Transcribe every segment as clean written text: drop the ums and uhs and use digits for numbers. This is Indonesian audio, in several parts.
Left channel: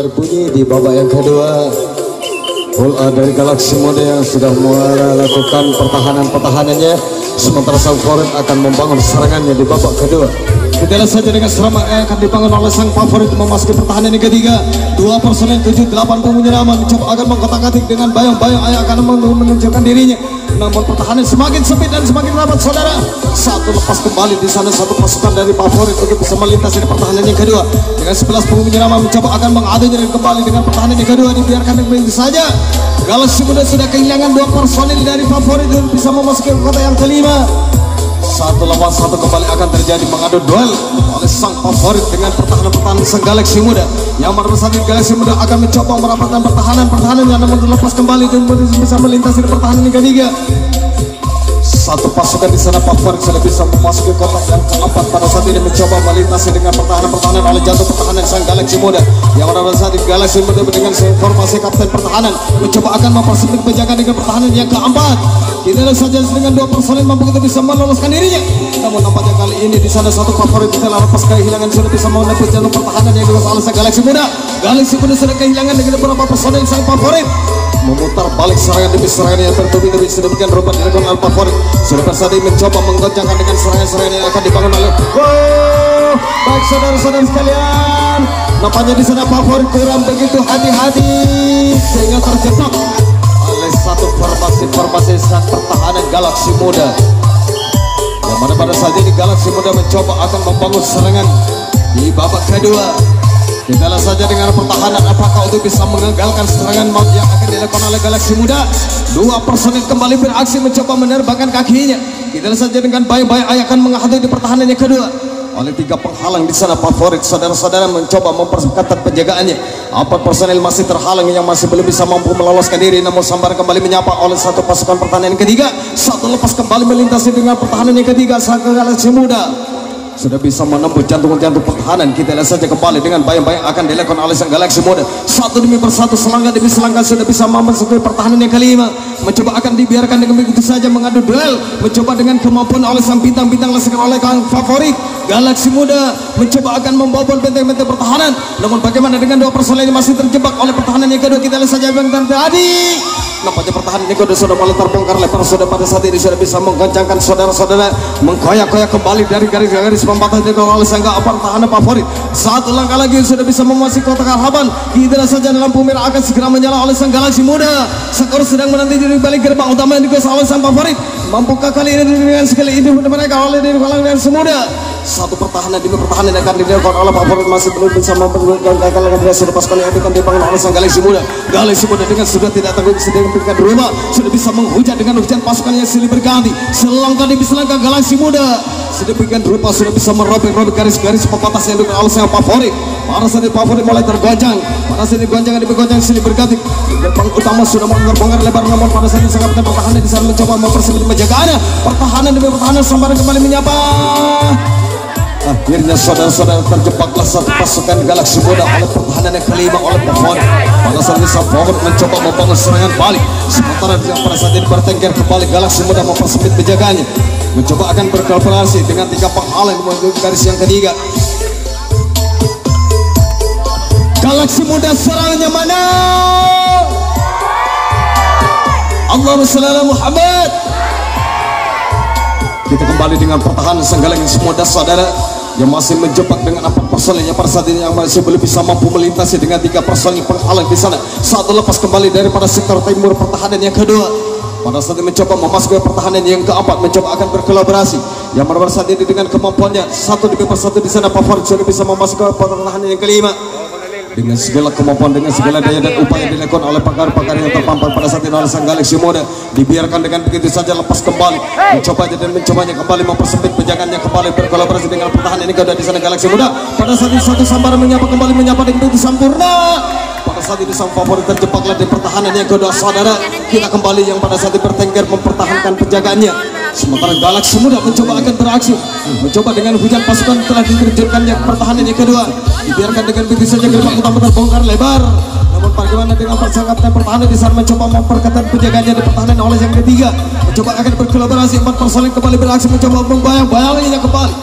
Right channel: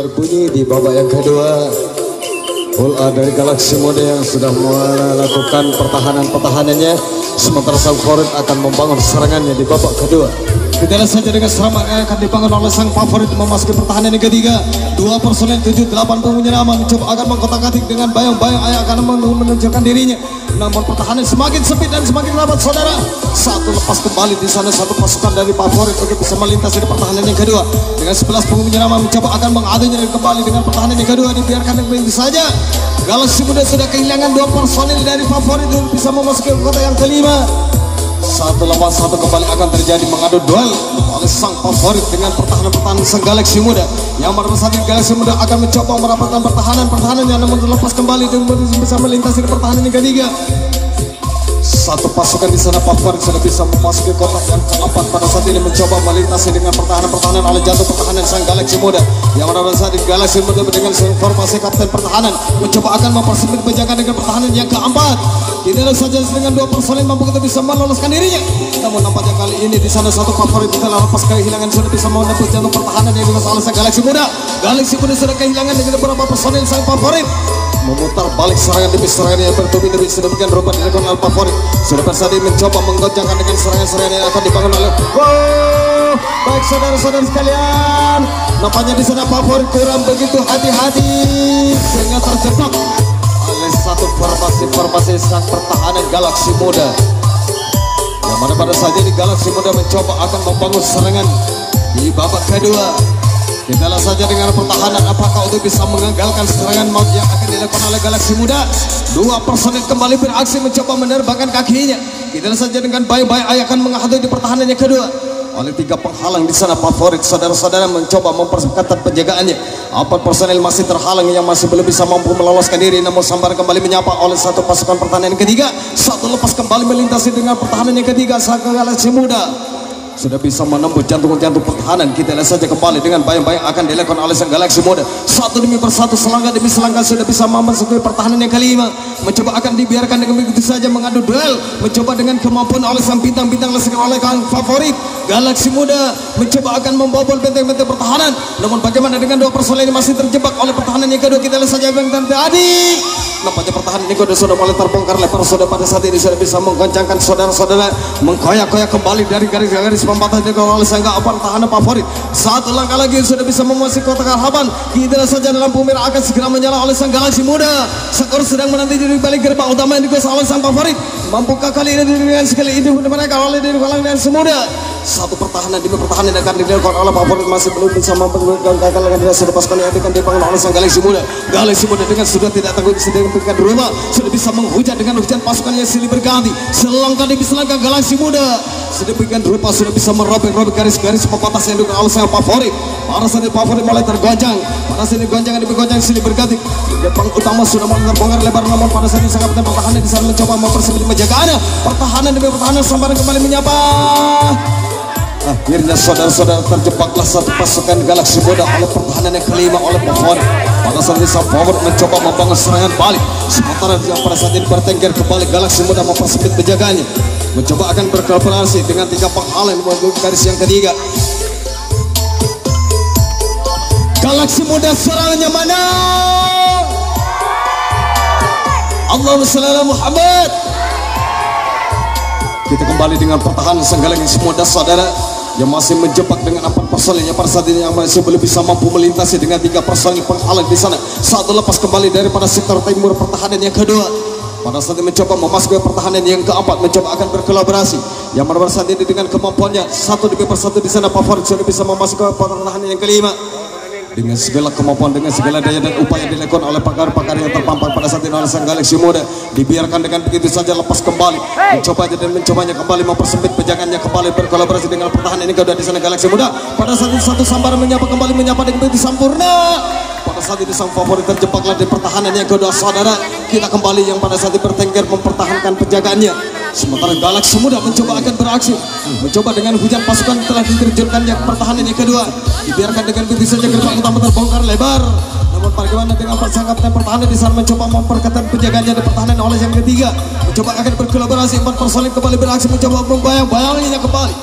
Berbunyi di babak yang kedua, bola dari Galaxy Muda yang sudah melakukan pertahanannya, sementara sang favorit akan membangun serangannya di babak kedua. Kita lihat saja dengan serangan yang akan dibangun oleh sang favorit memasuki pertahanan yang ketiga. Dua personel 7-8 penyiraman mencoba agar mengkotak-katik dengan bayang-bayang yang akan menunjukkan dirinya. Namun pertahanan semakin sempit dan semakin rapat, saudara. Satu lepas kembali di sana, satu pasukan dari favorit untuk bisa melintasi di pertahanan yang kedua. Dengan 11 penyiraman mencoba akan mengadunya kembali dengan pertahanan yang kedua, dibiarkan begitu saja. Galaxy Muda sudah kehilangan 2 personil dari favorit untuk bisa memasuki kota yang kelima. 1 lawan 1 kembali akan terjadi, mengadu duel oleh sang favorit dengan pertahanan sang Galaxy Muda. Yang bersatu Galaxy Muda akan mencoba merapatkan pertahanan yang namun terlepas kembali dan bisa melintasi pertahanan yang ketiga. Satu pasukan di sana favorit sudah bisa memasuki kotak yang keempat. Pada saat ini mencoba melintasi dengan pertahanan oleh jatuh pertahanan sang Galaxy Muda. Yang pada saat ini Galaxy Muda dengan formasi kapten pertahanan mencoba akan mempersempit penjagaan dengan pertahanan yang keempat. Tidak saja dengan 2 personil mampu kita bisa meloloskan dirinya. Namun nampaknya kali ini di sana satu favorit kita lepas kehilangan sudah bisa menepis jalur pertahanan yang dilakukan oleh sang Galaxy Muda. Galaxy Muda sudah kehilangan dengan beberapa personil sang favorit. Memutar balik serangan demi serangan yang bertubi-tubi sedemikian rupa dilakukan oleh favorit. Sudah bersaudi mencoba menggoncangkan dengan serangan-serangan yang akan dibangun oleh baik saudara-saudara sekalian. Nampaknya di sana favorit kurang begitu hati-hati sehingga terjebak oleh satu formasi sang pertahanan Galaxy Muda. Yang mana pada saat ini Galaxy Muda mencoba akan membangun serangan di babak kedua. Kita lihat saja dengan pertahanan apakah untuk bisa mengagalkan serangan yang akan dilakukan oleh Galaxy Muda. 2 personel kembali beraksi mencoba menerbangkan kakinya. Kita lihat saja dengan baik-baik akan menghadapi di pertahanan yang kedua. Oleh 3 penghalang di sana favorit saudara-saudara mencoba memperketat penjagaannya. 4 personel masih terhalang yang masih belum bisa mampu meloloskan diri, namun sambar kembali menyapa oleh satu pasukan pertahanan yang ketiga. Satu lepas kembali melintasi dengan pertahanan yang ketiga sang Galaxy Muda. Sudah bisa menembus jantung-jantung pertahanan. Kita lihat saja kembali dengan bayang-bayang akan dilakukan oleh sang Galaxy Muda. Satu demi persatu, selangkah demi selangkah sudah bisa memasuki pertahanan yang kelima. Mencoba akan dibiarkan dengan begitu saja mengadu duel. Mencoba dengan kemampuan oleh sang bintang-bintang oleh kang favorit Galaxy Muda. Mencoba akan membobol benteng-benteng pertahanan. Namun bagaimana dengan 2 personel yang masih terjebak oleh pertahanan yang kedua? Kita lihat saja benteng tadi. Nampaknya pertahanan yang kedua sudah mulai terbongkar lebar. Sudah pada saat ini sudah bisa menggoncangkan saudara-saudara, mengkoyak-koyak kembali dari garis-garis pembatas dengan oleh sang pertahanan favorit. 1 langkah lagi sudah bisa memasuki kotak harapan. Kita saja dalam merah akan segera menyala oleh sang Galaxy Muda. Skor sedang menanti di balik gerbang utama yang dikuasai oleh sang favorit. Mampukah kali ini dengan sekali ini mereka oleh dari Galaxy Muda? Satu pertahanan demi pertahanan yang akan dilakukan oleh favorit masih belum bisa mempergagalkan dengan berhasil pasukan yang akan dibangun oleh sang Galaxy Muda. Galaxy Muda dengan sudah tidak terjadi sedemikian rupa sudah bisa menghujat dengan hujan pasukan yang silih berganti. Selangkah demi selangkah Galaxy Muda sedemikian rupa sudah bisa merobek-robek garis-garis pembatas yang dilakukan oleh sang favorit. Pada saat ini favorit mulai tergoncang. Pada saat ini goncangan demi goncangan silih berganti. Depan utama sudah membongkar lebar, namun pada saat ini sangat pertahanan di sana mencoba mempersempit penjagaannya. Pertahanan demi pertahanan sambar kembali menyapa. Akhirnya saudara-saudara terjebaklah satu pasukan Galaxy Muda oleh pertahanan yang kelima oleh favorit. Pada saat ini sang favorit mencoba membangun serangan balik. Sementara pada saat ini bertengger kembali Galaxy Muda mempersempit penjagaannya. Mencoba akan berkolaborasi dengan 3 penghalang menuju garis yang ketiga. Galaxy Muda serangannya mana? Allahumma shalli ala Muhammad. Kita kembali dengan pertahanan sang Galaxy Muda saudara yang masih menjebak dengan 4 personel yang pada saat ini yang masih belum bisa mampu melintasi dengan 3 personel penghalang di sana. Satu lepas kembali daripada sektor timur pertahanan yang kedua. Pada saat ini mencoba memasuki pertahanan yang keempat, mencoba akan berkolaborasi. Yang pada saat ini dengan kemampuannya satu demi persatu di sana favorit sudah bisa memasuki pertahanan yang kelima. Dengan segala kemampuan, dengan segala daya dan upaya dilakukan oleh pakar-pakar yang terpampang pada saat ini oleh sang Galaxy Muda, dibiarkan dengan begitu saja lepas kembali, mencobanya kembali mempersempit penjagaannya kembali berkolaborasi dengan pertahanan ini kedua di sana Galaxy Muda. Pada saat ini satu sambaran menyapa dengan begitu sempurna. Pada saat ini sang favorit terjebaklah di pertahanan yang kedua saudara. Kita kembali yang pada saat ini bertengger mempertahankan penjagaannya. Sementara Galaxy Muda mencoba akan beraksi, mencoba dengan hujan pasukan telah diterjunkannya pertahanan yang kedua. Dibiarkan dengan begitu saja gerbang utama terbongkar lebar. Namun bagaimana dengan persahabatan pertahanan di sana mencoba memperketat penjagaannya di pertahanan oleh yang ketiga. Mencoba akan berkolaborasi 4 personel kembali beraksi mencoba membayang-bayanginya kembali.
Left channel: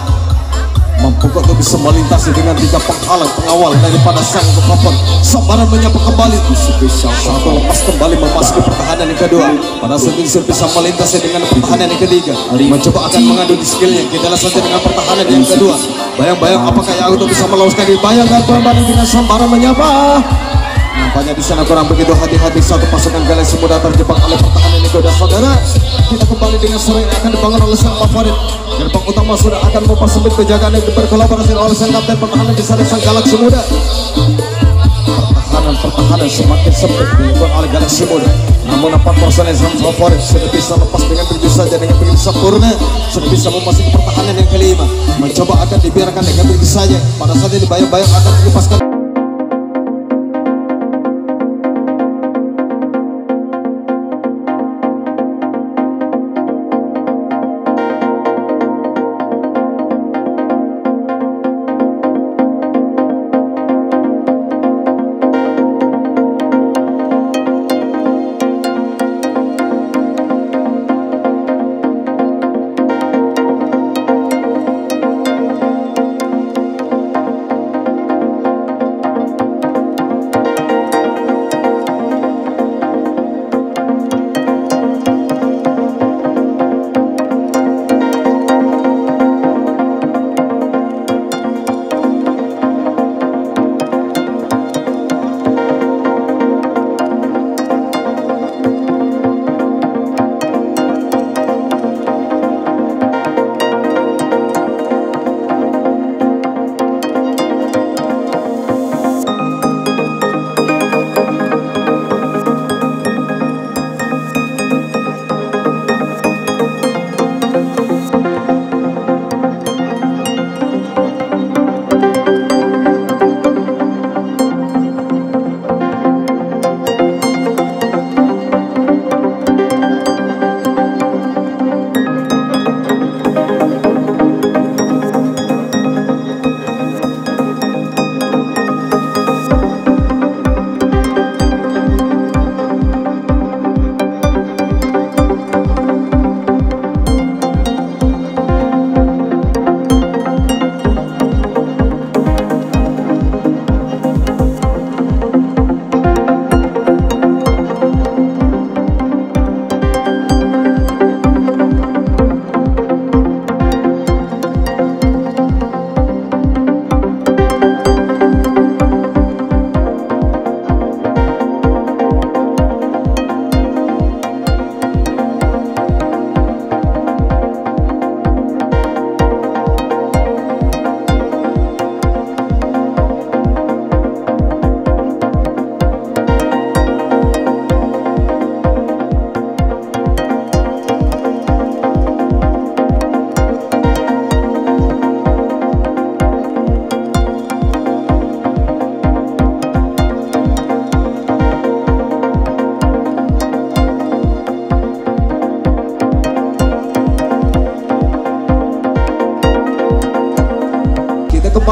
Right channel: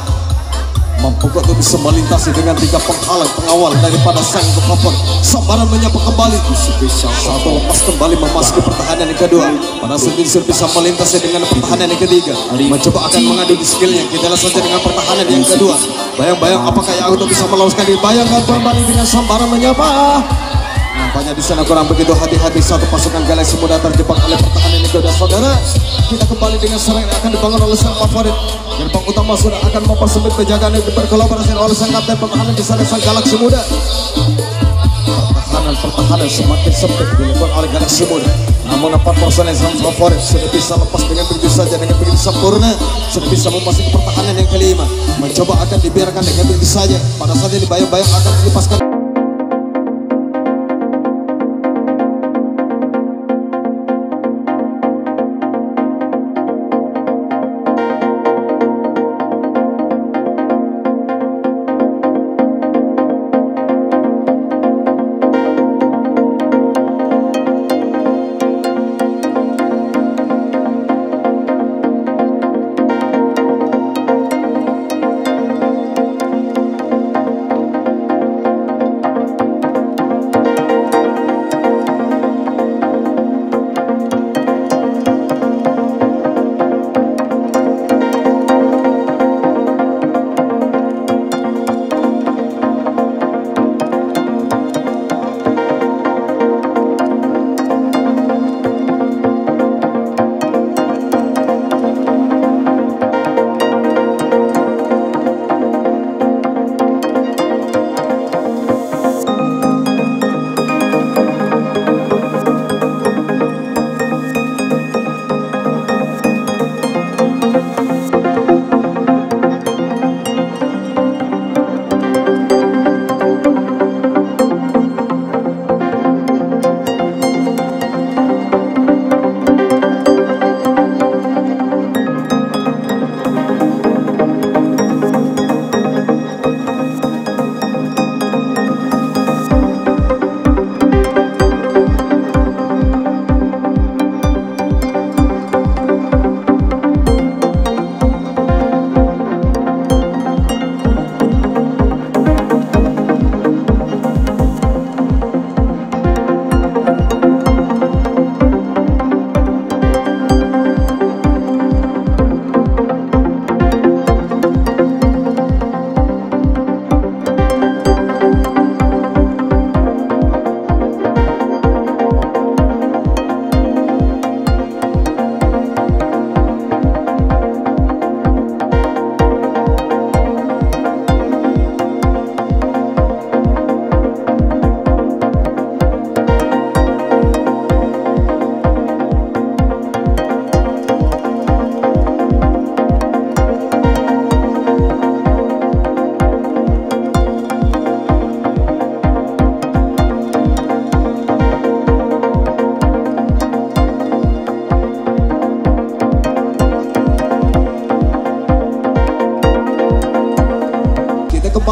Bukan bisa melintasi dengan 3 penghalang pengawal daripada sang pekopot. Sambaran menyapa kembali. Satu lepas kembali memasuki pertahanan yang kedua. Pada saat ini bisa melintasi dengan pertahanan yang ketiga. Mencoba akan mengadu di skillnya. Kita lihat saja dengan pertahanan yang kedua. Bayang-bayang apakah yang aku bisa meloloskan diri. Bayangkan kembali dengan sambaran menyapa. Nampaknya di sana kurang begitu hati-hati. Satu pasukan Galaksi Muda terjebak oleh pertahanan yang kedua. Saudara, kita kembali dengan serangan yang akan dibangun oleh sang favorit. Gerbang utama sudah akan mempersempit penjagaan yang berkolaborasi oleh sang kapten pertahanan di sana sang Galaksi Muda. Pertahanan semakin sempit dilakukan oleh Galaksi Muda. Namun 4 personel sang favorit sudah bisa lepas dengan begitu saja, dengan begitu sempurna sudah bisa memasuki pertahanan yang kelima. Mencoba akan dibiarkan dengan begitu saja. Pada saat ini bayang-bayang akan dilepaskan.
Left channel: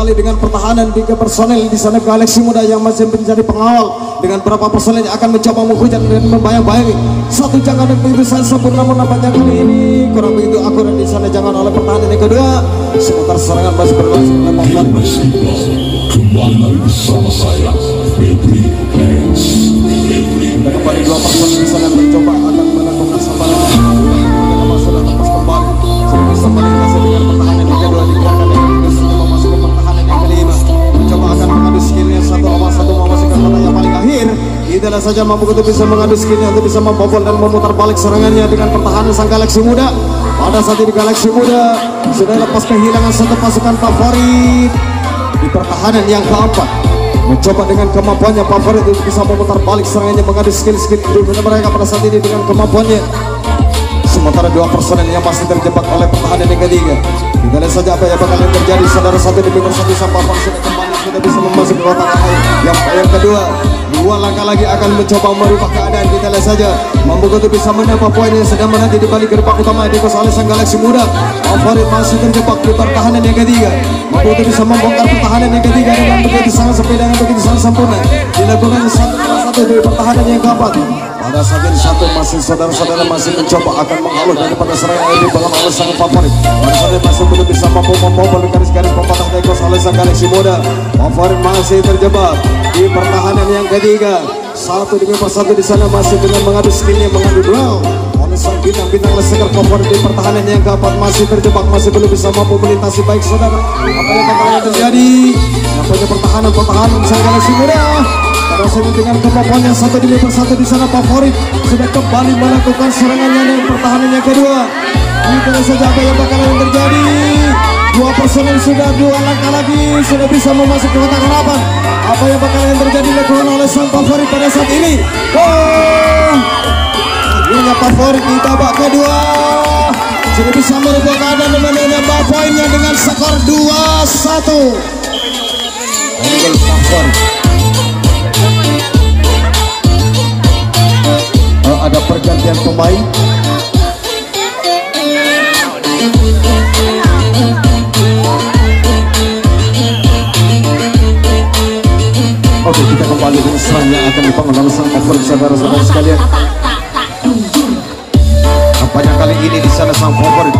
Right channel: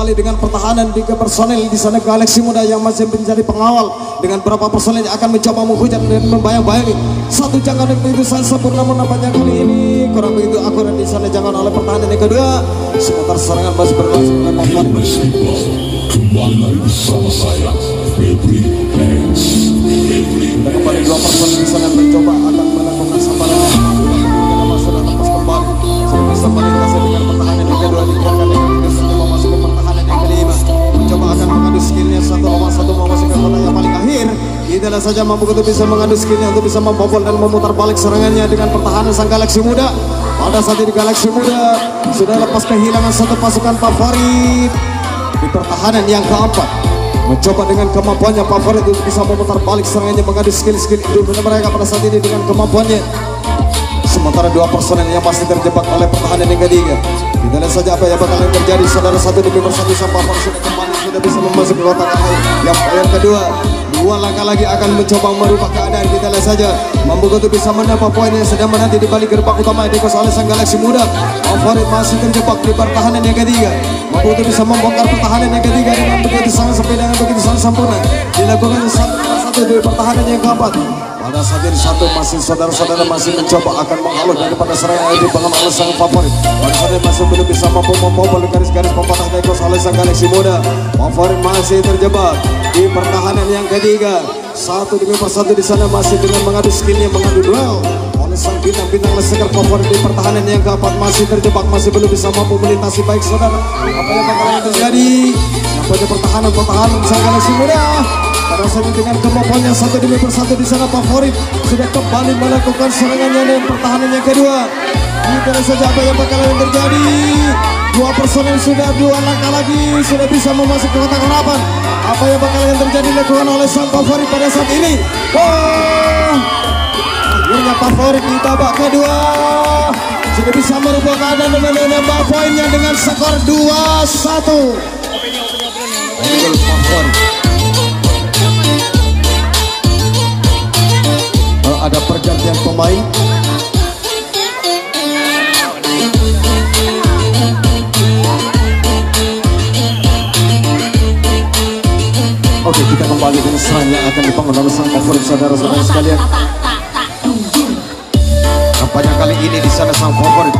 Dengan pertahanan 3 personel di sana Galaksi Muda yang masih menjadi pengawal dengan berapa personel yang akan mencoba menghujat dan membayang-bayangi satu jangan yang begitu sempurna. Namun nampaknya kali ini kurang begitu akurat di sana jangan oleh pertahanan yang kedua. Sebentar serangan masih berlangsung bersama saya Febri Hands. Dan kembali 2 personel di sana mencoba akan melakukan sambaran sudah lepas kembali sudah bisa melintasi dengan pertahanan yang kedua. Dibiarkan dengan skillnya 1 lawan 1 memasuki kota yang paling akhir. Itulah saja mampu untuk bisa mengadu skillnya untuk bisa membobol dan memutar balik serangannya dengan pertahanan sang Galaksi Muda. Pada saat ini Galaksi Muda sudah lepas kehilangan 1 pasukan favorit di pertahanan yang keempat. Mencoba dengan kemampuannya favorit untuk bisa memutar balik serangannya, mengadu skill-skill individu mereka pada saat ini dengan kemampuannya. Sementara 2 personel yang masih terjebak oleh pertahanan yang ketiga. Kita lihat saja apa yang bakalan terjadi. Saudara 1 demi 1 sang favorit sudah kembali sudah bisa memasuki kotak akhir. Yang kedua 2 langkah lagi akan mencoba merubah keadaan. Kita lihat saja mampu untuk bisa mendapat poin yang sedang menanti di balik gerbang utama dikuasai oleh sang Galaksi Muda. Favorit masih terjebak di pertahanan yang ketiga. Mampu untuk bisa membongkar pertahanan yang ketiga dengan begitu sangat sepi dan begitu sangat sempurna. Dilakukan satu dari pertahanan yang keempat. Pada saat ini satu masih saudara-saudara masih mencoba akan jalur daripada serangan ini dalam oleh sang favorit. Baru saja masih belum bisa mampu membobol garis-garis pembatas Negos oleh sang Galaxy Muda. Favorit masih terjebak di pertahanan yang ketiga. Satu demi satu di sana masih dengan mengadu skillnya, mengadu duel oleh sang bintang-bintang lesegar favorit di pertahanan yang keempat masih terjebak, masih belum bisa mampu melintasi. Baik saudara, apa yang bakalan terjadi? Nampaknya pertahanan sang Galaxy Muda. Rasanya dengan kemampuannya satu demi satu di sana favorit sudah kembali melakukan serangannya dan pertahanannya kedua. Kita lihat saja apa yang bakalan terjadi. Dua personel sudah dua langkah lagi sudah bisa memasuk ke kotak harapan. Apa yang bakalan terjadi dilakukan oleh sang favorit pada saat ini. Akhirnya favorit di babak kedua sudah bisa merubah keadaan dengan menambah poinnya dengan skor 2-1. Ada pergantian pemain. Oke, kita kembali dengan serangan yang akan dibangun oleh sang favorit saudara-saudara sekalian. Nampaknya kali ini di sana sang favorit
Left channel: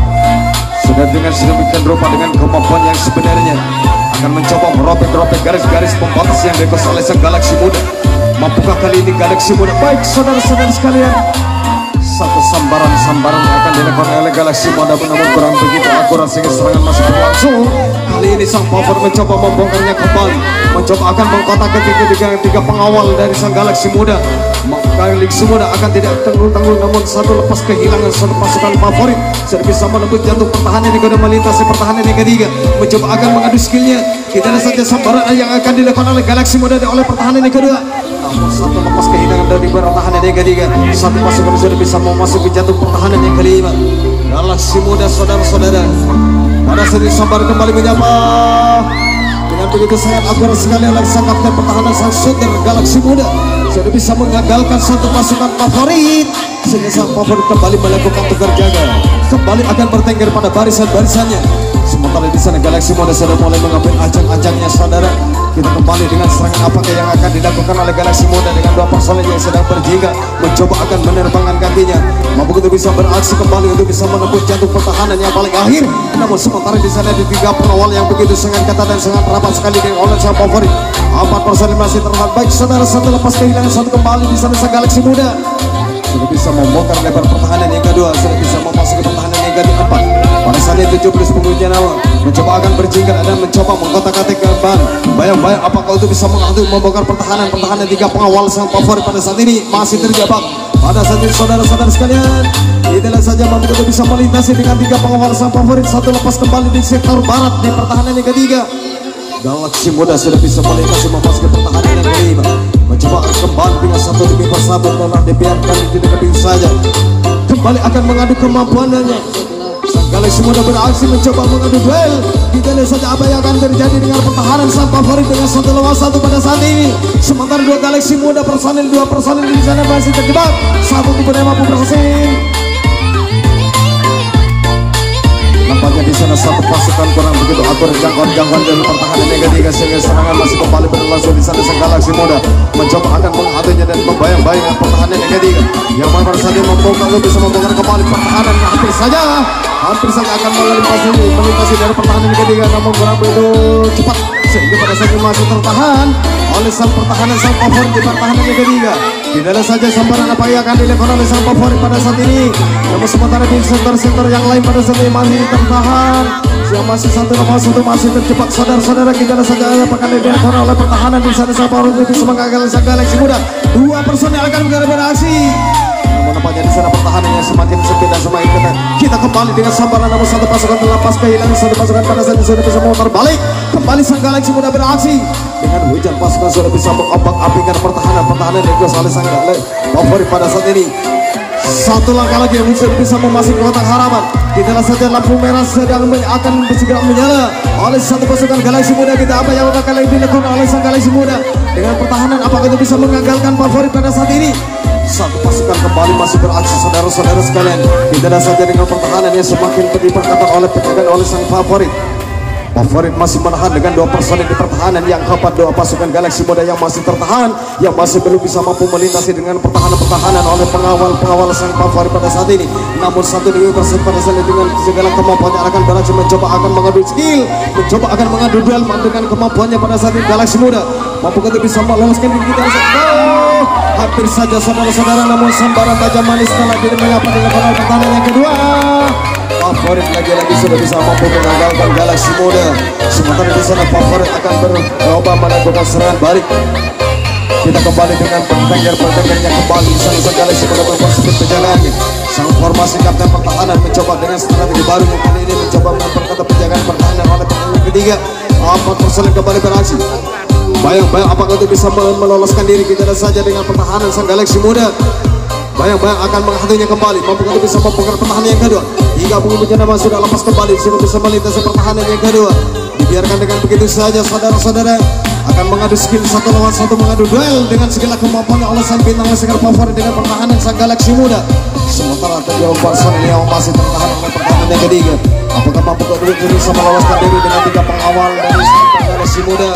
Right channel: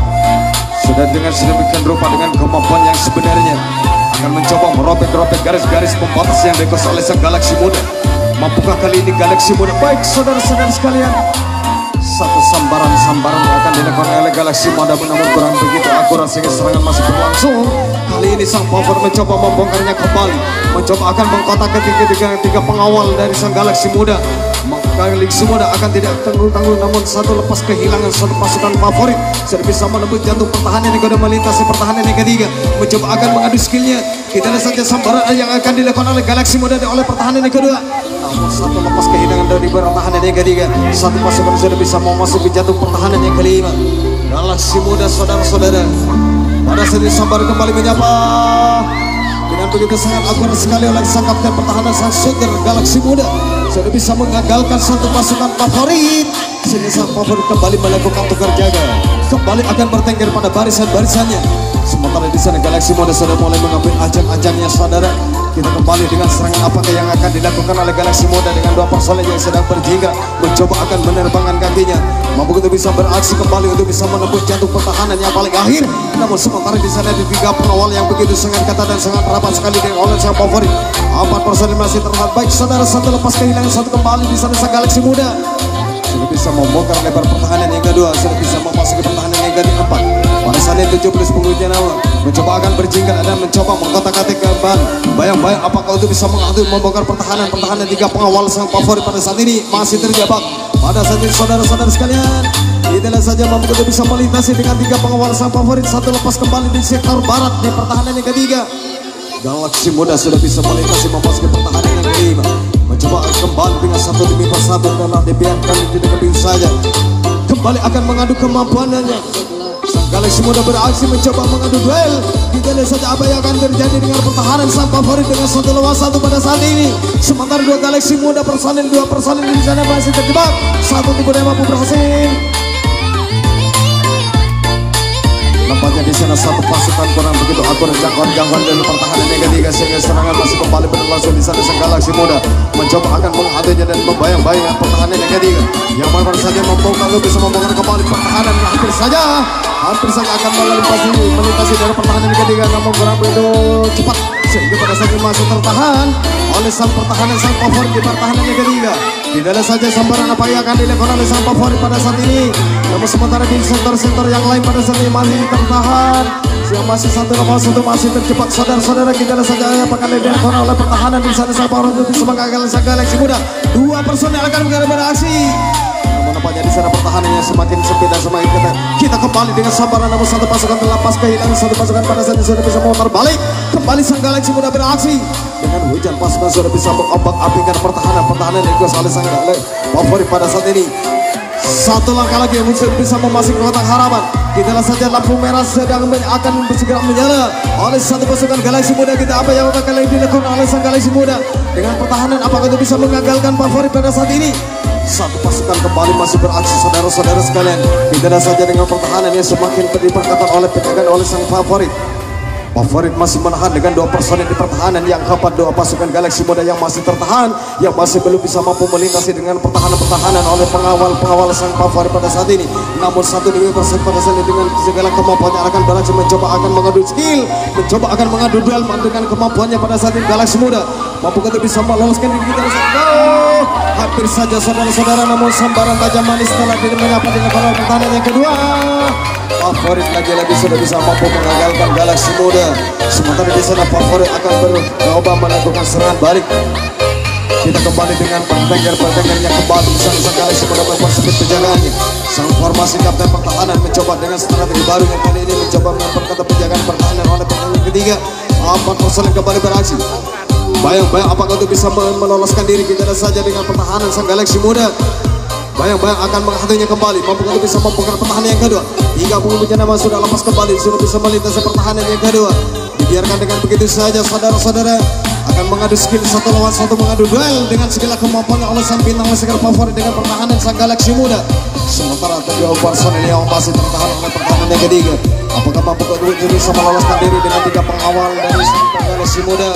sudah dengan sedemikian rupa dengan kemampuan yang sebenarnya akan mencoba merobek-robek garis-garis pembatas yang diekos oleh sang Galaxy Muda. Mampukah kali ini Galaxy Muda? Baik saudara-saudara sekalian, satu sambaran-sambaran yang akan dilakukan oleh Galaxy Muda namun kurang begitu akurat sehingga serangan masih berlangsung. Kali ini sang favorit mencoba membongkarnya kembali, mencoba akan mengkotak tiga pengawal dari sang Galaxy Muda. Galaxy Muda akan tidak tanggung-tanggung namun satu lepas kehilangan satu pasukan favorit sudah bisa menembus jantung pertahanan yang kedua melintasi pertahanan yang ketiga, mencoba akan mengadu skillnya. Kita lihat saja sambaran yang akan dilakukan oleh Galaxy Muda oleh pertahanan yang kedua. Satu lepas kehilangan dari pertahanan yang ketiga, satu pasukan sudah bisa memasuki jantung pertahanan yang kelima. Galaxy Muda saudara-saudara, pada saat sambar kembali menyapa dengan begitu sangat akurat sekali oleh sang kapten pertahanan sang shooter Galaxy Muda sudah bisa mengagalkan satu pasukan favorit sehingga sang favorit kembali melakukan tukar jaga, kembali akan bertengger pada barisan-barisannya. Sementara di sana Galaxy Muda sudah mulai mengambil ajang-ajangnya saudara. Kita kembali dengan serangan apakah yang akan dilakukan oleh Galaxy Muda dengan dua personel yang sedang berjingga, mencoba akan menerbangkan kakinya, mampu untuk bisa beraksi kembali untuk bisa menembus jantung pertahanan yang paling akhir. Namun sementara di sana ada tiga pengawal yang begitu sangat ketat dan sangat rapat sekali dengan oleh sang favorit. Empat personel masih terlihat. Baik saudara, satu lepas kehilangan satu kembali di sana sang Galaxy Muda sudah bisa membongkar lebar pertahanan yang kedua, sudah bisa memasuki pertahanan yang keempat. Pada saat itu 17 pengunjung awal mencoba akan berjingkat dan mencoba mengkotak-atik kembali. Bayang-bayang apakah itu bisa membongkar pertahanan tiga pengawal sang favorit pada saat ini masih terjebak. Pada saat ini saudara-saudara sekalian, kita lihat saja mampu untuk bisa melintasi dengan tiga pengawal sang favorit satu lepas kembali di sektor barat di pertahanan yang ketiga. Galaxy Muda sudah bisa melintasi memasuki pertahanan yang kelima, mencoba kembali dengan satu demi satu dan dibiarkan tidak bisa saja kembali akan mengadu kemampuannya. Galaxy Muda beraksi mencoba mengadu duel. Kita lihat saja apa yang akan terjadi dengan pertahanan sang favorit dengan satu lawan satu pada saat ini. Sementara dua Galaxy Muda dua personil di sana masih terjebak. Satu tidak mampu berhasil. Nampaknya di sana satu pasukan kurang begitu akurat jangkauan dari pertahanan yang ketiga sehingga serangan masih kembali berlangsung di sana sang Galaxy Muda mencoba akan menghadapinya dan membayang-bayang pertahanan yang ketiga yang mana saja membongkar bisa membongkar kembali pertahanan yang hampir saja akan melintasi dari pertahanan yang ketiga namun kurang begitu cepat sehingga pada saat ini masih tertahan oleh sang pertahanan sang favorit di pertahanan yang ketiga. Tidak ada saja sambaran apa yang akan dilakukan oleh sang favorit pada saat ini. Namun sementara di sektor-sektor yang lain pada saat ini masih tertahan. Masih satu masih terjebak saudara-saudara. Kita lihat saja apa yang dilakukan oleh pertahanan di sana sang favorit untuk bisa mengagalkan sang Galaxy Muda. Dua personel akan beraksi. Nampaknya di sana pertahanannya semakin sempit dan semakin ketat. Kita kembali dengan sambaran namun satu pasukan terlepas kehilangan satu pasukan pada saat itu sudah bisa memutar balik. Kembali sang Galaxy Muda beraksi dengan hujan pasukan sudah bisa mengombak-ambingkan pertahanan yang dikuasai oleh sang favorit pada saat ini. Satu langkah lagi yang bisa memasuki kotak harapan. Kita lihat saja lampu merah sedang akan segera menyala oleh satu pasukan Galaxy Muda. Kita apa yang akan dilakukan oleh sang Galaxy Muda dengan pertahanan apakah itu bisa mengagalkan favorit pada saat ini. Satu pasukan kembali masih beraksi saudara-saudara sekalian. Kita lihat saja dengan pertahanan yang semakin diperketat oleh penjagaan oleh sang favorit. Favorit masih menahan dengan 2 personil di pertahanan. Yang keempat, 2 pasukan Galaksi Muda yang masih tertahan, yang masih belum bisa mampu melintasi dengan pertahanan oleh pengawal sang favorit pada saat ini. Namun satu demi persatu pada saat ini dengan segala kemampuannya akan berhasil mencoba akan mengadu skill, mencoba akan mengadu duel dengan kemampuannya pada saat ini. Galaksi Muda mampu untuk bisa meloloskan diri kita. Hampir saja saudara-saudara, namun sambaran Baja Manis telah diterima dengan pertahanan yang kedua. Favorit lagi-lagi sudah bisa mampu mengagalkan Galaksi Muda. Sementara di sana favorit akan bercoba melakukan serangan balik. Kita kembali dengan pertandingannya kembali. Sang Galaksi Muda berbuat seperti penjagaannya. Sang formasi kapten pertahanan mencoba dengan strategi baru yang kali ini mencoba memperketat penjagaan pertahanan oleh pemain ketiga. 4 personil kembali beraksi. Bayang-bayang apakah itu bisa meloloskan diri kita saja dengan pertahanan sang Galaksi Muda. Bayang-bayang akan menghentinya kembali. Mampu untuk bisa membuka pertahanan yang kedua. Hingga penghubungnya nama sudah lepas kembali. Sudah bisa melintasi pertahanan yang kedua. Dibiarkan dengan begitu saja saudara-saudara. Akan mengadu skill 1 lawan 1, mengadu duel dengan segala kemampuannya oleh sang bintang segala favorit dengan pertahanan sang Galaksi Muda. Sementara kedua personil yang masih tertahan dengan pertahanan yang ketiga. Apakah mampu untuk bisa meloloskan diri dengan 3 pengawal dari sang Galaksi Muda.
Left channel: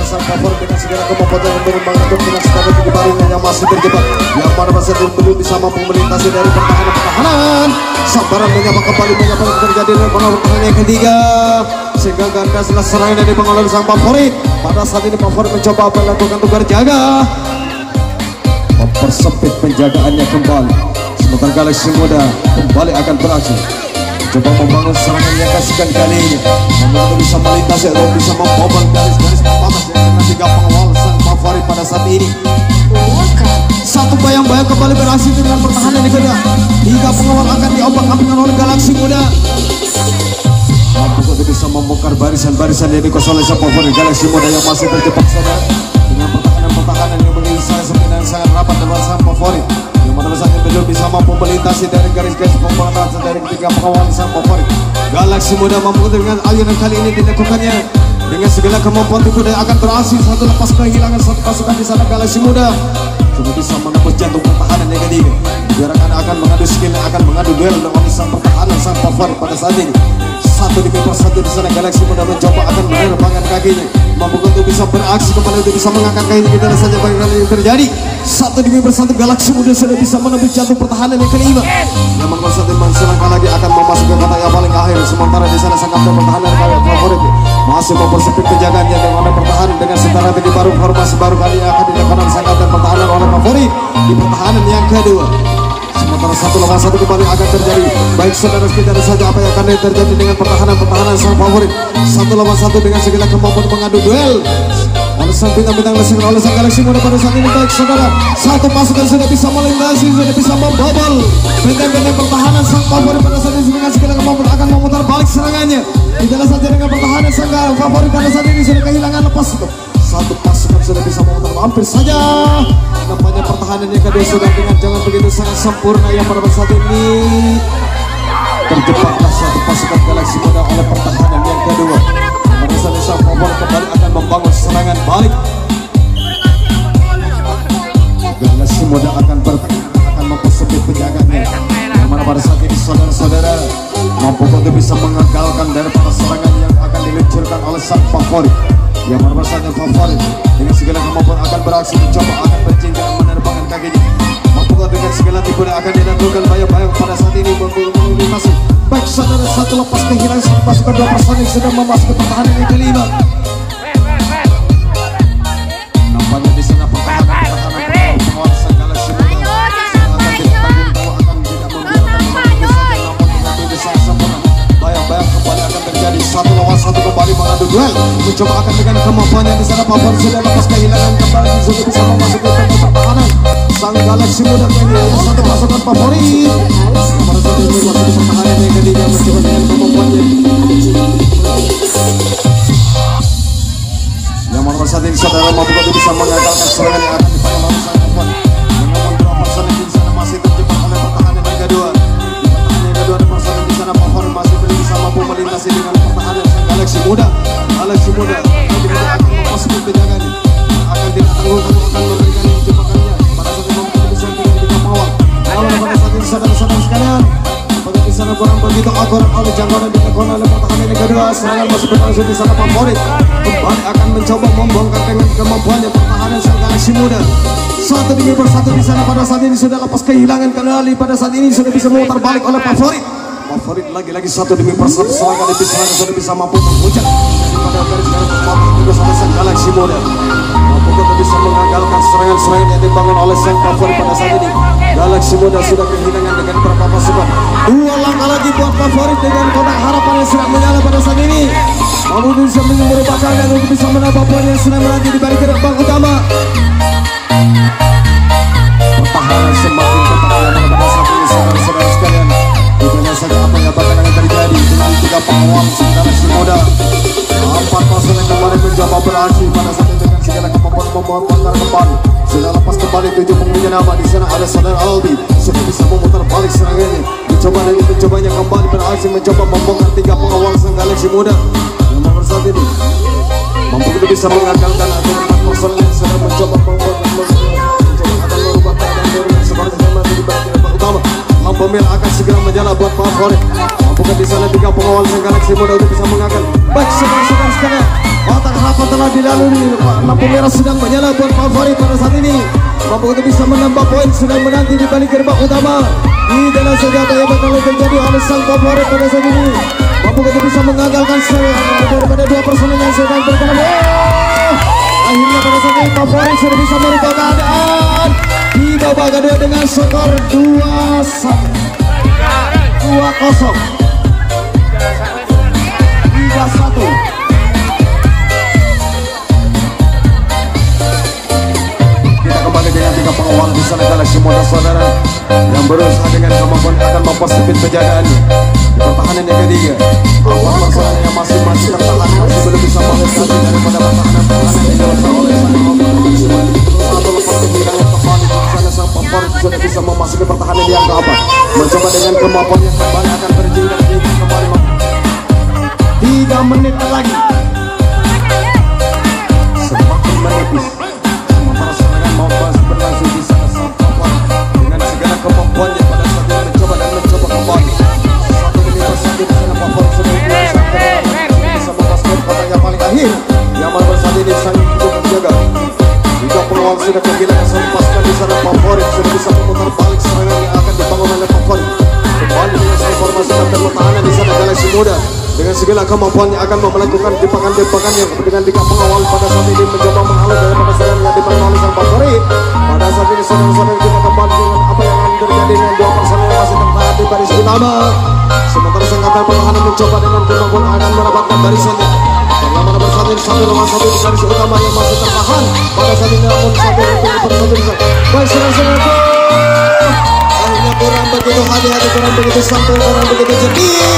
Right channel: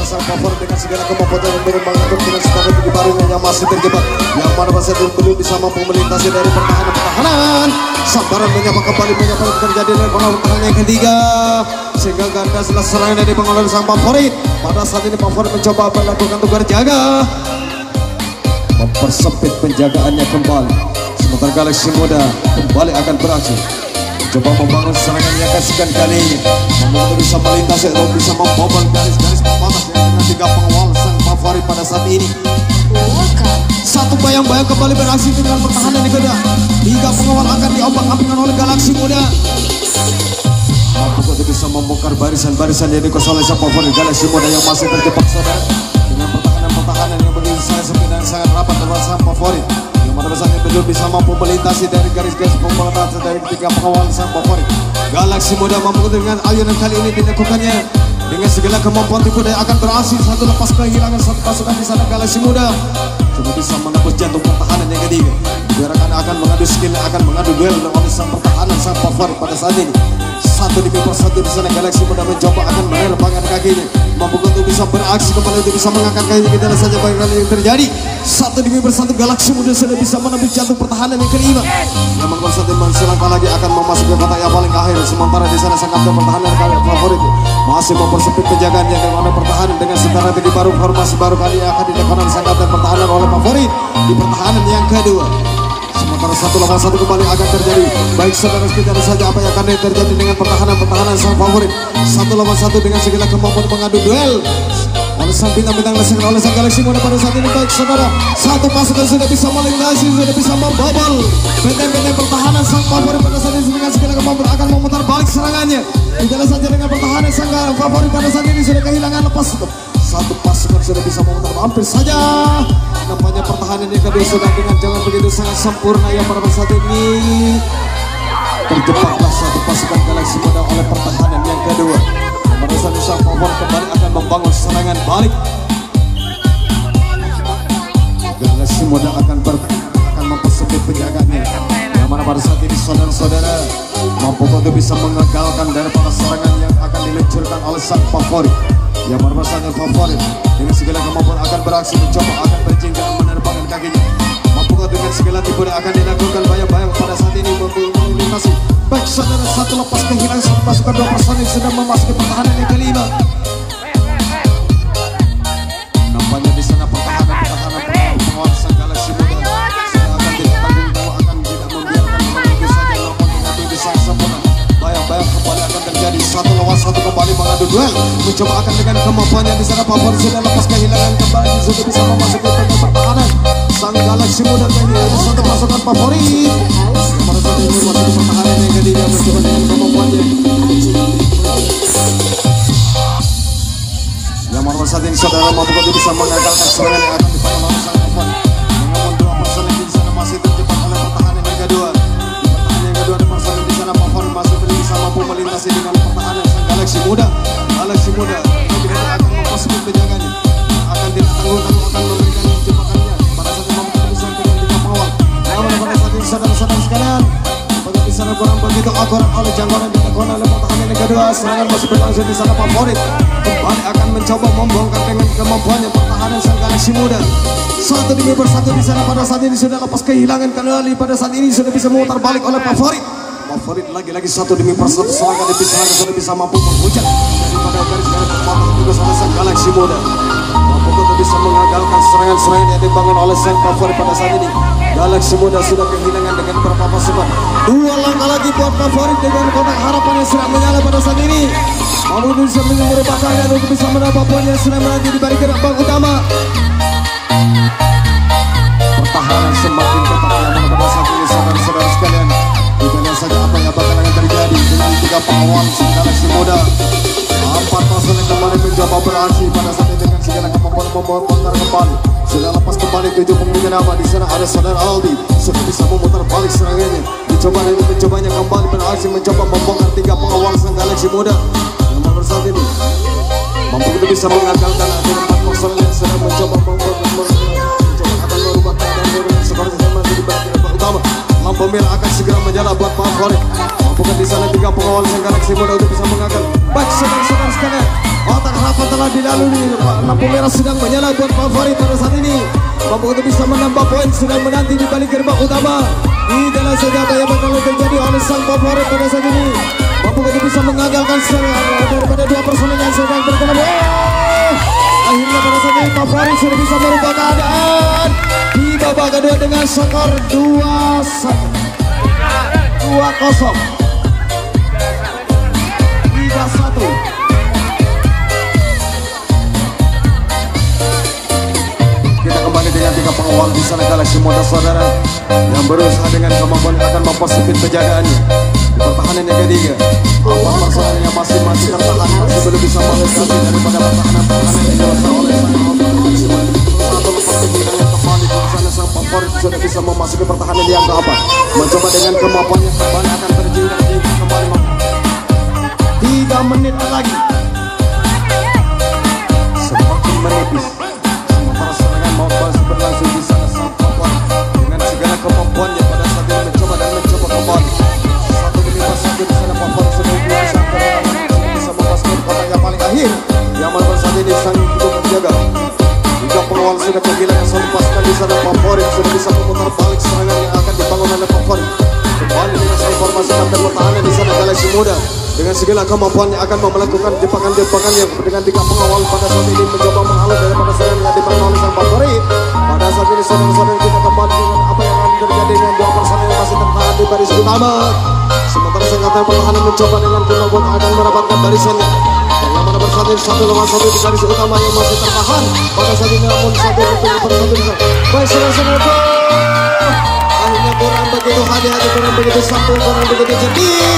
Sang favorit dengan segala kemampuan yang berkembang dengan strategi baru yang masih terjebak, yang mana masa belum bisa mampu melintasi dari pertahanan. Sambaran menyapa kembali terjadi dengan pertahanan yang ketiga, sehingga gagal setelah serangan dari pengelola sang favorit. Pada saat ini favorit mencoba melakukan tugas jaga, mempersempit penjagaannya kembali. Sementara Galaksi Muda kembali akan beraksi, coba membangun serangan yang kesekian kali ini, untuk bisa melintasi atau bisa membobol garis-garis pemanas dengan 3 pengawal sang favorit pada saat ini. Satu bayang-bayang kembali berhasil dengan pertahanan yang kedua. 3 pengawal akan diobak-abingkan oleh Galaksi Muda. Untuk bisa membongkar barisan-barisan yang dikosong oleh sang favorit Galaksi Muda yang masih terjebak saudara, dengan pertahanan-pertahanan yang begitu sangat sangat rapat dengan sang favorit. Belum bisa mampu melintasi dari garis-garis pembatas dari 3 pengawal sang favorit. Galaksi Muda mampu dengan ayunan kali ini dilakukannya dengan segala kemampuan tipu daya akan berhasil. Satu lepas kehilangan 1 pasukan di sana Galaksi Muda cuma bisa menembus jantung pertahanan yang ketiga. Diarahkan akan mengadu skill, akan mengadu duel dengan sang pertahanan sang favorit pada saat ini. Satu demi persatu di sana Galaksi Muda mencoba akan melepaskan kakinya, mampu untuk bisa beraksi kembali untuk bisa mengangkat kakinya. Kita lihat saja bagaimana ini terjadi. Satu demi persatu Galaksi Muda sudah bisa menembus jantung pertahanan yang kelima. Yang membuat satu selangkah lagi akan memasuki kota yang paling akhir. Sementara di sana sang kapten pertahanan favorit masih mempersempit penjagaannya dengan pertahanan dengan strategi baru, formasi baru kali yang akan dilakukan sang kapten pertahanan oleh favorit di pertahanan yang kedua. Sementara 1 lawan 1 kembali akan terjadi. Baik saudara, kita lihat saja apa yang akan terjadi dengan pertahanan sang favorit. 1 lawan 1 dengan segala kemampuan mengadu duel oleh sang bintang-bintang oleh sang Galaksi Muda pada saat ini. Baik saudara, 1 pasukan sudah bisa melintasi, sudah bisa membobol benteng-benteng pertahanan sang favorit pada saat ini dengan segala kemampuan akan memutar balik serangannya. Tidak saja dengan pertahanan sang favorit pada saat ini sudah kehilangan lepas. 1 pasukan sudah bisa memutar hampir saja. Nampaknya pertahanan yang kedua sudah dengan jangan begitu sangat sempurna yang pada saat ini. Terjebaklah 1 pasukan Galaksi Muda oleh pertahanan yang kedua. Pada saat ini sang favorit kembali akan membangun serangan balik. Galaksi Muda akan mempersempit penjagaannya. Namun pada saat ini saudara-saudara mampu untuk bisa mengagalkan daripada serangan yang akan diluncurkan oleh sang favorit. Yang merupakan favorit dengan segala kemampuan akan beraksi mencoba akan berjingga menerbangkan kakinya. Mampu dengan segala tipu daya akan dilakukan bayang-bayang pada saat ini melintasi. Baik saudara, 1 lepas kehilangan 1 pasukan 2 personil sudah memasuki pertahanan yang kelima. Nampaknya di sana pertahanan penguasa Galaksi Muda bayang-bayang kembali akan terjadi 1 lawan 1 kembali mengadu duel. Mencoba akan dengan kemampuannya di sana favorit sudah lepas kehilangan kembali sudah bisa memasuki pertahanan sang Galaksi Muda menjadi 1 pasukan favorit. Pertahanan yang ketiga mencoba dengan kemampuannya yang nomor 1 ini saudara mampu bisa mengagalkan serangan yang akan dibangun oleh sang favorit. Namun 2 personil di sana masih terjebak oleh pertahanan yang kedua. Pertahanan yang kedua di personil di sana favorit masih belum bisa mampu melintasi dengan pertahanan sang Galaksi Muda. Galaksi Muda tidak akan memasuki penjagaannya, akan ditanggung-tanggung memberikan jebakannya pada saat itu bisa dengan mawar. Namun pada saat ini saudara-saudara sekalian, apakah di sana kurang begitu akurat oleh jangkauan yang dilakukan oleh pertahanan yang kedua. Serangan masih berlangsung Muda. Satu demi bersatu di sana pada saat ini sudah lepas kehilangan kendali, pada saat ini sudah bisa memutar balik oleh favorit. Favorit lagi-lagi satu demi bersatu serangan di pisau sudah bisa mampu menghujat daripada garis sana sang Galaxy Muda. Mampu bisa mengandalkan serangan-serangan yang dibangun oleh sang favorit pada saat ini. Galaxy Muda sudah kehilangan dengan beberapa pasukan. Dua langkah lagi buat favorit dengan kotak harapan yang sedang menyala pada saat ini. Mampu bisa menyumbang dan untuk bisa menambah poin yang sedang menanti di balik gerbang utama. Pertahanan semakin ketat pada saat ini saudara-saudara sekalian. Bukannya saja apa yang akan terjadi dengan tiga pengawal Galaxy Muda. Empat pasukan kembali mencoba beraksi pada saat ini dengan segala kemampuan memutar kembali. Sudah lepas kembali 7 pemilihan nama. Di sana ada saudara Aldi sudah bisa memutar balik serangannya. Mencobanya kembali beraksi mencoba membongkar tiga pengawal sang Galaxy Muda. Dan nomor saat ini mampu bisa mengandalkan akhir 4 pasukan yang sedang mencoba merubah keadaan dari seperti yang masih di balik gerbang utama. Pemilik akan segera menjala buat favorit. Mampu di sana tiga pengawal sang Galaxy Muda untuk bisa mengangkat. Baik saudara-saudara sekalian, kotak harapan telah dilalui. Lampu merah sedang menyala buat favorit pada saat ini. Mampu untuk bisa menambah poin sedang menanti di balik gerbang utama. Di dalam senjata yang bakal terjadi oleh sang favorit pada saat ini. Mampu untuk bisa menggagalkan daripada dua personel yang sedang bertemu. Akhirnya pada saat ini favorit sudah bisa merubah keadaan. Di babak kedua dengan skor 2-0. Kita kembali dengan tiga pengawal di sana Galaxy Muda saudara yang berusaha dengan kemampuan akan mempersempit kejadiannya. Di pertahanan yang ketiga, apa masalah yang masih tertahan masih belum bisa melesat daripada pertahanan yang dilakukan oleh satu lepas kehilangan kembali di sana sang favorit sudah bisa memasuki pertahanan yang keempat. Mencoba dengan kemampuan yang kembali akan berjinak kembali 3 menit lagi. Semakin menipis. Sementara serangan mau berlangsung di sana sang favorit dengan segala kemampuannya pada saat ini mencoba kembali. Satu demi satu di sana favorit sudah bisa memasukkan kotak yang paling akhir. Yang mana saat ini sang hidup terjaga. Tiga pengawal sudah kehilangan sang pasukan di sana favorit sudah bisa memutar balik serangan yang akan dibangun oleh favorit. Kembali dengan sang pasukan pertahanan di sana Galaxy Muda dengan segala kemampuannya akan melakukan jebakan yang dengan tiga pengawal pada saat ini mencoba menghalau daripada serangan yang dibangun oleh sang favorit. Pada saat ini saudara-saudara kita kembali dengan apa yang akan terjadi dengan dua personel yang masih tertahan di baris utama. Sementara sang kapten pertahanan mencoba dengan kemampuan akan mendapatkan barisannya. Yang mana bersatu di satu rumah satu di garis utama yang masih tertahan pada saat ini namun satu persatu bisa. Baik saudara-saudara, akhirnya kurang begitu hati-hati, kurang begitu santai, kurang begitu sedih.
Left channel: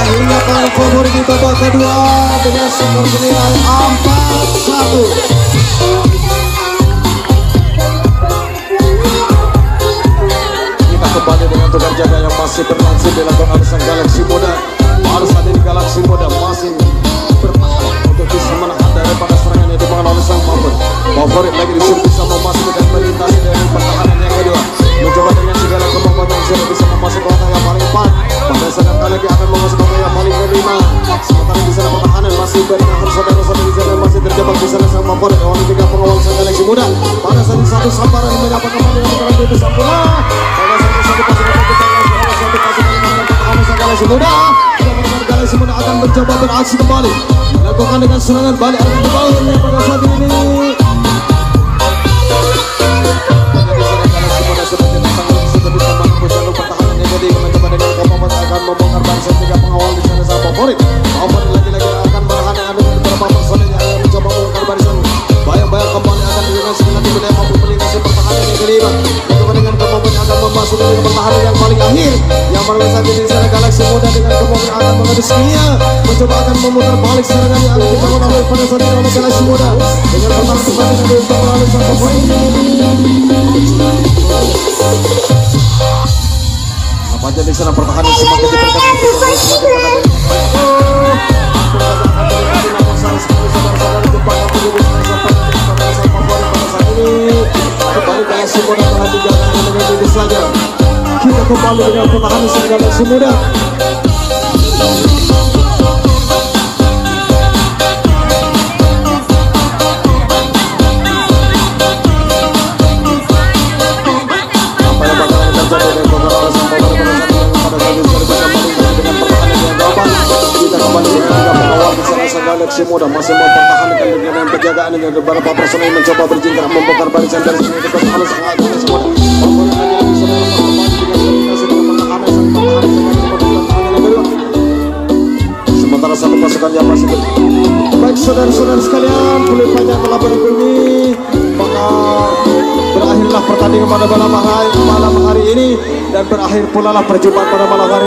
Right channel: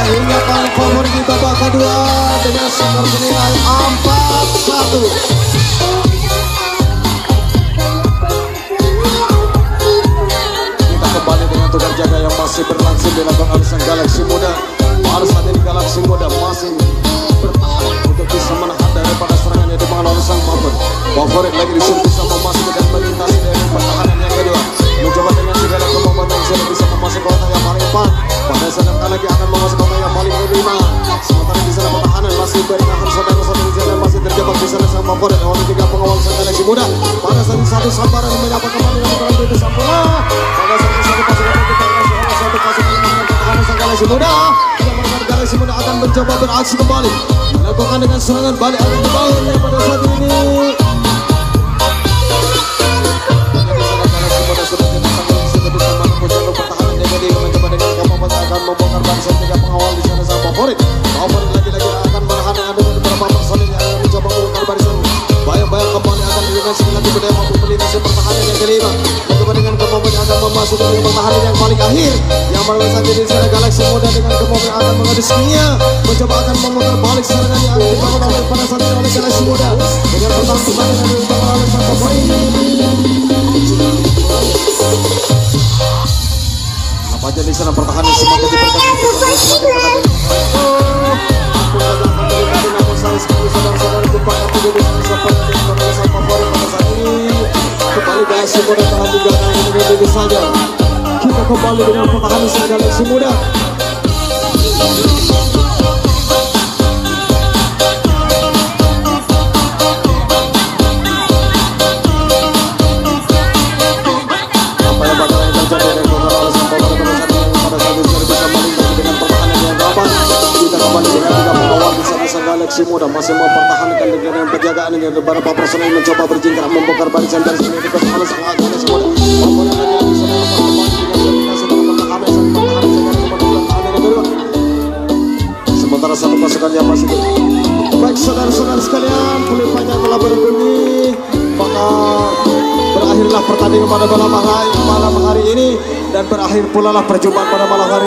Akhirnya kalah favorit di babak kedua dengan skor senilai 4-1. Kita kembali dengan tukar jaga yang masih berlangsung dilakukan oleh sang Galaxy Muda. Harus ada di Galaxy Muda masih bertahan untuk bisa menahan daripada serangan yang dibangun oleh sang favorit. Favorit lagi disuruh bisa memasuki dan melintasi dari pertahanan yang kedua. Mencoba dengan segala kemampuan yang sudah bisa memasuki kotak yang paling depan. Pada saat lagi akan memasuki kotak yang paling kelima. Sementara di sana pertahanan masih bertahan saudara-saudara di sana masih terjebak di sana sang favorit dengan tiga pengawal sang Galaxy Muda. Pada saat satu sambaran menyapa kembali dengan pertahanan itu sempurna. Pada saat satu pasukan pertahanan sang Galaxy Muda. Galaxy Muda akan mencoba beraksi kembali. Melakukan dengan serangan balik akan dibangun pada saat ini. Mencoba akan memutar balik serangan yang akan dibangun oleh pada saat ini oleh Galaxy Muda dengan pemasukan yang dibangun oleh sang favorit. Nampaknya di sana pertahanan semakin diperketat. Kita kembali dengan pertahanan sang Galaxy Muda. masih muda, masih mempertahankan dengan penjagaan ini. Beberapa personel mencoba berjingkrak membongkar barisan dari sini ke sana sangat sementara satu pasukan yang masih baik saudara-saudara sekalian, pelipannya telah berbunyi, maka berakhirlah pertandingan pada malam hari ini dan berakhir pula lah perjumpaan pada malam hari